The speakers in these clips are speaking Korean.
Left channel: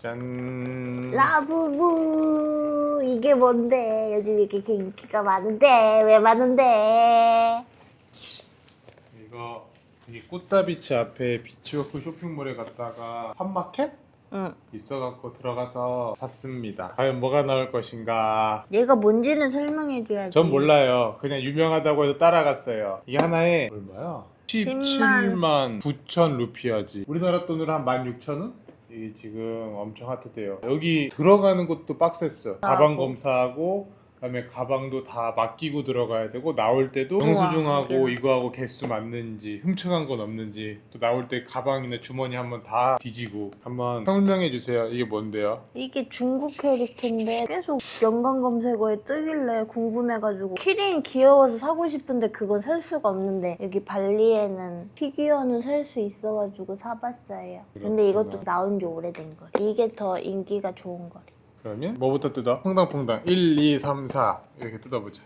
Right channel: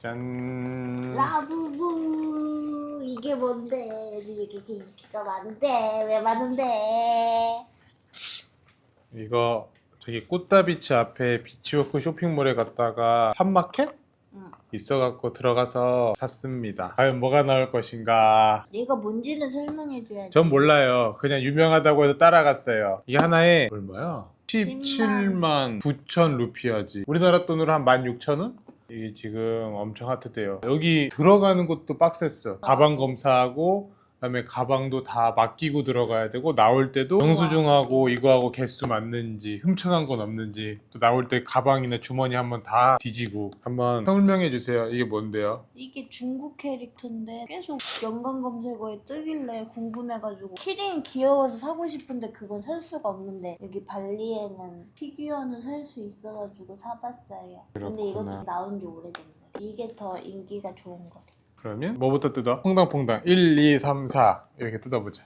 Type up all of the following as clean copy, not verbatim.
짠. 라부부 이게 뭔데? 요즘 이렇게 인기가 많은데 왜 많은데? 이거 저기 꽃다비치 앞에 비치워크 쇼핑몰에 갔다가 팝마켓 응. 있어갖고 들어가서 샀습니다. 과연 뭐가 나올 것인가? 얘가 뭔지는 설명해줘야지. 전 몰라요. 그냥 유명하다고 해서 따라갔어요. 이게 하나에 얼마야? 17만 9천 루피아지. 우리나라 돈으로 한 16,000원? 이게 지금 엄청 핫해요. 여기 들어가는 것도 빡셌어. 가방 검사하고 그다음에 가방도 다 맡기고 들어가야 되고 나올 때도 영수증하고 이거하고 개수 맞는지 훔쳐간 건 없는지 또 나올 때 가방이나 주머니 한번 다 뒤지고 한번 설명해 주세요. 이게 뭔데요? 이게 중국 캐릭터인데 계속 연관 검색어에 뜨길래 궁금해가지고 키링 귀여워서 사고 싶은데 그건 살 수가 없는데 여기 발리에는 피규어는 살 수 있어가지고 사봤어요. 근데 이것도 나온 지 오래된 거래. 이게 더 인기가 좋은 거래. 그러면 뭐부터 뜯어? 퐁당퐁당 1, 2, 3, 4 이렇게 뜯어보자.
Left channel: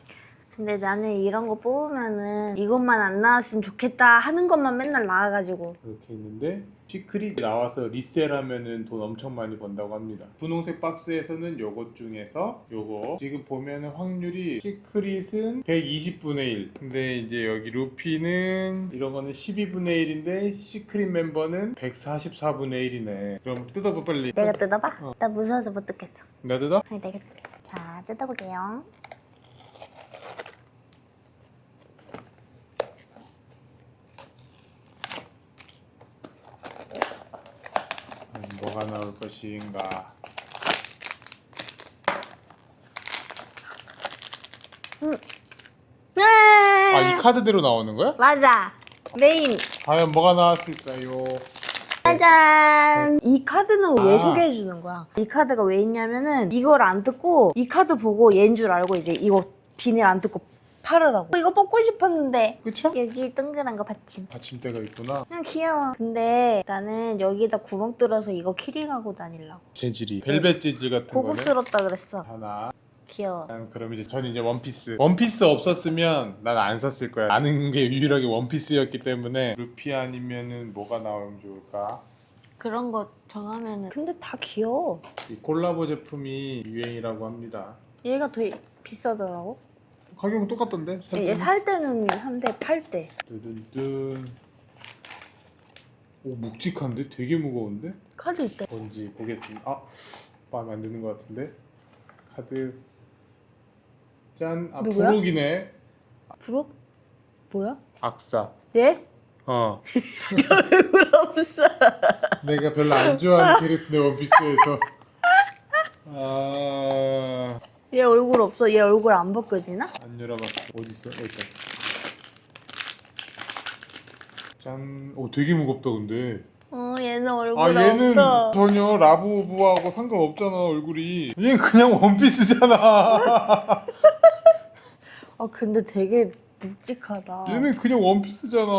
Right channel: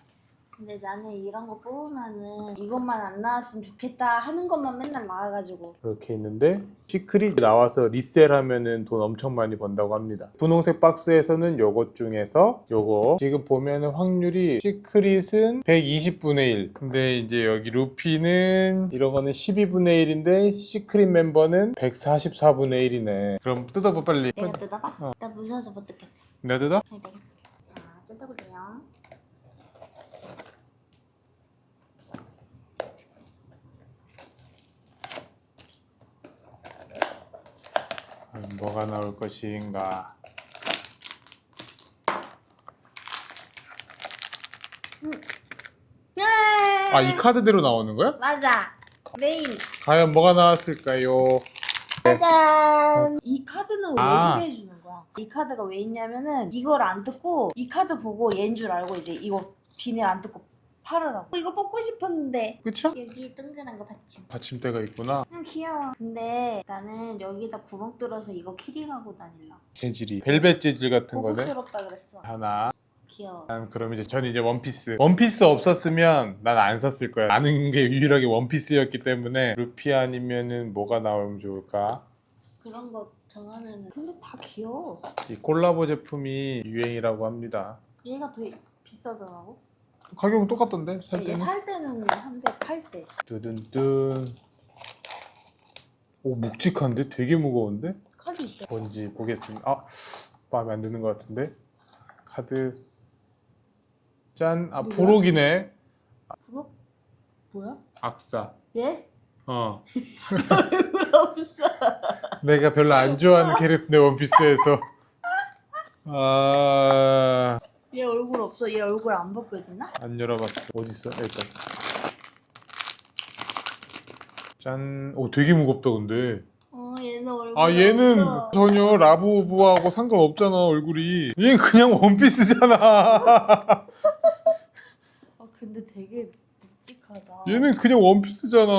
근데 나는 이런 거 뽑으면은 이것만 안 나왔으면 좋겠다 하는 것만 맨날 나와가지고. 이렇게 있는데 시크릿 나와서 리셀하면은 돈 엄청 많이 번다고 합니다. 분홍색 박스에서는 요것 중에서 요거 지금 보면은 확률이 시크릿은 120분의 1 근데 이제 여기 루피는 이런 거는 12분의 1인데 시크릿 멤버는 144분의 1이네. 그럼 뜯어봐 빨리. 내가 뜯어봐? 나 무서워서 못 뜯겠어. 내가 뜯어? 아니, 내가 뜯겠어. 자, 뜯어볼게요. 뭐가 나올 것인가. 네! 아, 이 카드대로 나오는 거야? 맞아. 메인. 과연 뭐가 나왔을까요? 짜잔! 이 카드는 왜 아. 소개해주는 거야? 이 카드가 왜 있냐면은 이걸 안 뜯고 이 카드 보고 얘인 줄 알고 이제 이거 비닐 안 뜯고 팔으라고. 이거 뽑고 싶었는데 그쵸? 여기 동그란 거 받침. 받침대가 있구나. 그냥 귀여워. 근데 나는 여기다 구멍 뚫어서 이거 키링하고 다니려고. 재질이 벨벳 재질 같은 거네. 고급스럽다 그랬어. 하나. 귀여워. 그럼 이제 저는 이제 원피스. 원피스 없었으면 난 안 샀을 거야. 아는 게 유일하게 원피스였기 때문에 루피 아니면은 뭐가 나오면 좋을까? 그런 거 정하면은 근데 다 귀여워. 이 콜라보 제품이 유행이라고 합니다. 얘가 더 비싸더라고. 가격은 똑같던데? 살 얘 때는? 살 때는 한대 팔 때. 뚜둔뚜. 오, 묵직한데? 되게 무거운데? 카드 있다. 뭔지 보겠습니다. 아, 마음에 안 드는 것 같은데? 카드. 짠. 아, 누구야? 부록이네. 부록? 뭐야? 악사. 얘? 어. 얼굴 없어. 내가 별로 안 좋아하는 캐릭터인데 원피스에서. 아, 얘 얼굴 없어. 얘 얼굴 안 벗겨지나? 안 열어봤어. 어디 있어? 여기 있다. 짠. 오, 되게 무겁다 근데. 얘는 얼굴 아, 얘는 없어. 전혀 라부부하고 상관없잖아 얼굴이. 얘는 그냥 원피스잖아. 근데 되게 묵직하다. 얘는 그냥 원피스잖아.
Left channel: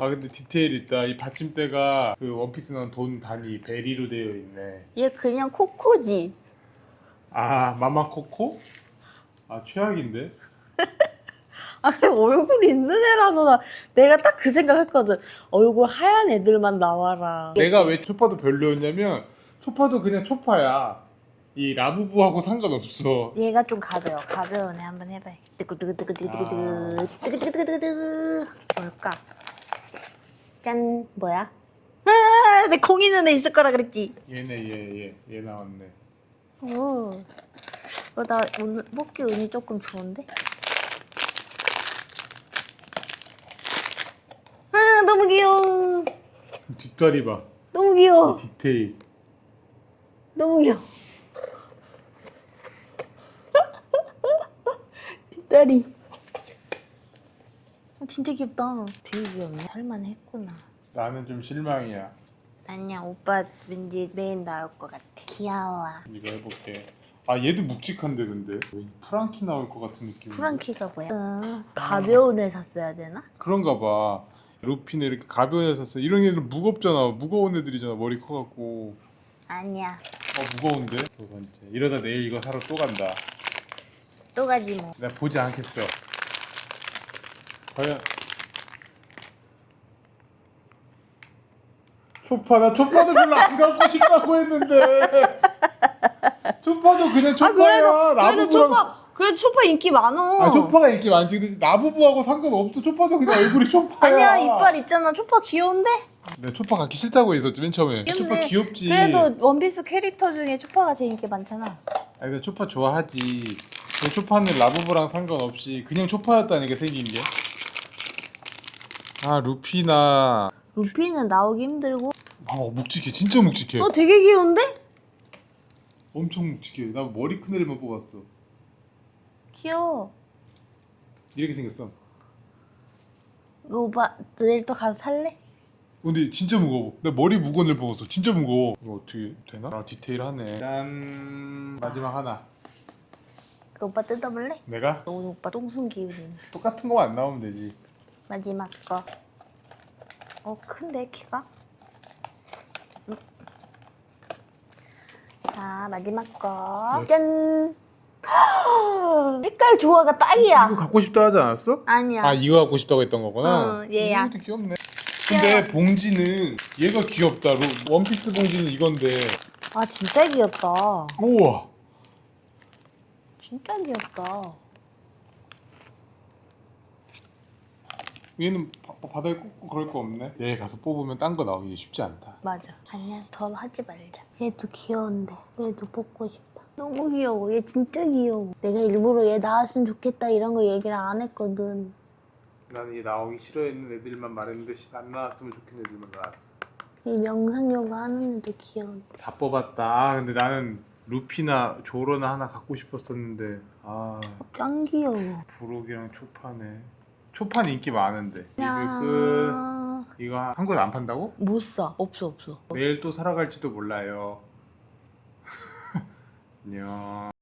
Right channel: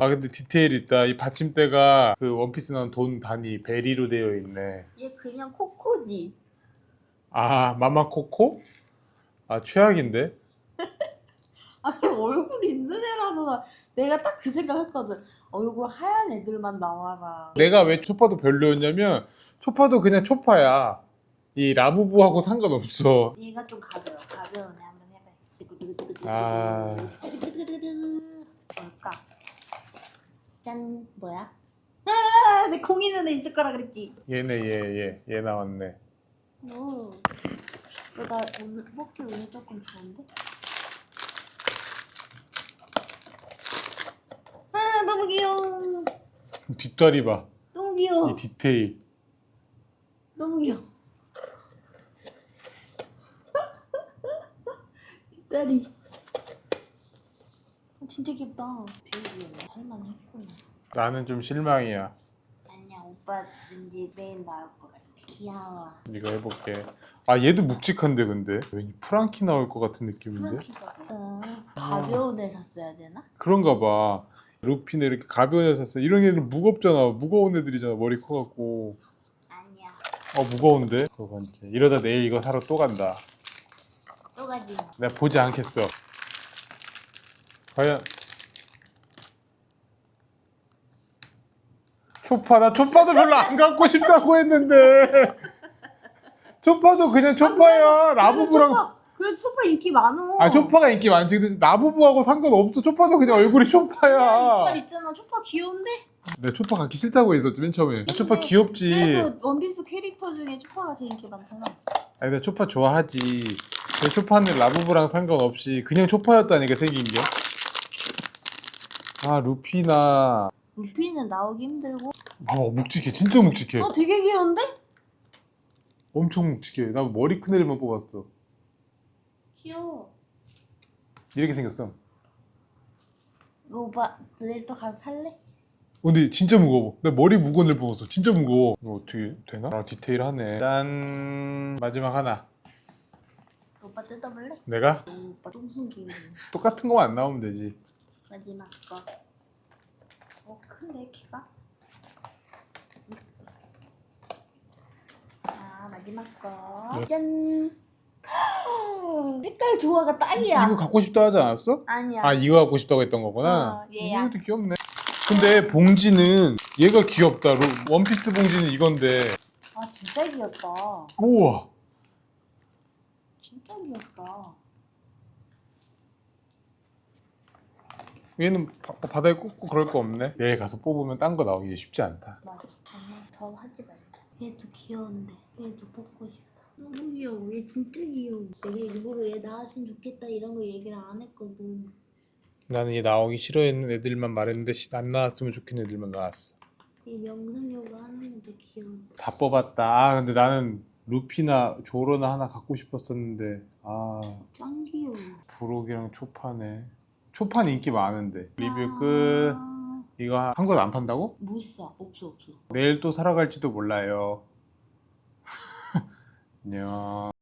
아, 근데 디테일 있다. 이 받침대가 그 원피스 나온 돈 단위 베리로 되어 있네. 얘 그냥 코코지. 아, 마마코코? 아, 최악인데? 그냥 얼굴 있는 애라서 내가 딱 그 생각했거든. 얼굴 하얀 애들만 나와라. 내가 왜 초파도 별로였냐면 초파도 그냥 초파야. 이 라부부하고 상관없어. 얘가 좀 가벼워. 가벼운 애 한번 해봐요. 뜨구뜨구뜨구뜨구뜨구. 아. 뜨구뜨구뜨구뜨구. 뭘까? 짠. 뭐야? 내 콩 있는 애 있을 거라 그랬지. 얘네 얘 나왔네. 오. 나 오늘 뽑기 운이 조금 좋은데? 너무 귀여워. 뒷다리 봐. 너무 귀여워. 이 디테일. 너무 귀여워. 뒷다리. 진짜 귀엽다. 되게 귀엽네. 할만해 했구나. 나는 좀 실망이야. 아니야, 오빠 왠지 메인 나올 것 같아. 귀여워. 이거 해볼게. 아, 얘도 묵직한데 근데 왠지 프랑키 나올 것 같은 느낌인데. 프랑키가 뭐야? 가벼운 애 샀어야 되나? 그런가 봐. 루피는 이렇게 가벼운 애 샀어. 이런 애들 무겁잖아. 무거운 애들이잖아. 머리 커갖고. 아니야. 무거운데? 두 번째. 이러다 내일 이거 사러 또 간다. 또 가지 뭐. 내가 보지 않겠어. 과연 초파 나 초파도 별로 안 갖고 싶다고 했는데 초파도 그냥 초파야. 라부부랑 그래도 초파 인기 많어. 아 초파가 인기 많지. 근데 라부부하고 상관없어. 초파도 그냥 얼굴이 초파야. 아니야 이빨 있잖아. 초파 귀여운데? 내가 초파 갖기 싫다고 했었지 맨 처음에. 초파 귀엽지. 그래도 원피스 캐릭터 중에 초파가 제일 인기 많잖아. 아니 나 초파 좋아하지. 근데 초파는 라부부랑 상관없이 그냥 초파였다니까 생긴 게. 아 루피나. 루피는 나오기 힘들고. 묵직해. 진짜 묵직해. 너 되게 귀여운데? 엄청 묵직해. 나 머리 큰 애들만 뽑았어. 귀여워. 이렇게 생겼어. 이거 오빠 내일 또 가서 살래? 근데 진짜 무거워. 나 머리 무거운 애 뽑았어. 진짜 무거워. 이거 어떻게 되나? 아 디테일하네. 짠. 마지막 하나. 그 오빠 뜯어볼래? 내가? 오늘 오빠 똥손 기운. 똑같은 거만 안 나오면 되지. 마지막 거. 큰데 키가? 자 마지막 거. 네. 짠. 색깔 조화가 딱이야. 이거 갖고 싶다 하지 않았어? 아니야. 아 이거 갖고 싶다고 했던 거구나. 얘야. 이것도 귀엽네. 근데 봉지는 얘가 귀엽다. 원피스 봉지는 이건데. 아 진짜 귀엽다. 우와. 진짜 귀엽다. 얘는 바다에 꽂고 그럴 거 없네. 내일 가서 뽑으면 딴 거 나오기 쉽지 않다. 맞아. 아니야 더 하지 말자. 얘도 귀여운데 얘도 뽑고 싶다. 너무 귀여워. 얘 진짜 귀여워. 내가 일부러 얘 나왔으면 좋겠다 이런 거 얘기를 안 했거든. 나는 얘 나오기 싫어했는 애들만 말했는데 안 나왔으면 좋겠는 애들만 나왔어. 이 명상요가 하는 애도 귀여운데. 다 뽑았다. 아 근데 나는 루피나 조로나 하나 갖고 싶었었는데 아 짱 귀여워. 부록이랑 초파네. 초파는 인기 많은데. 야. 리뷰 끝. 이거 한국에 안 판다고? 못 사. 없어. 내일 또 사러 갈지도 몰라요. 안녕.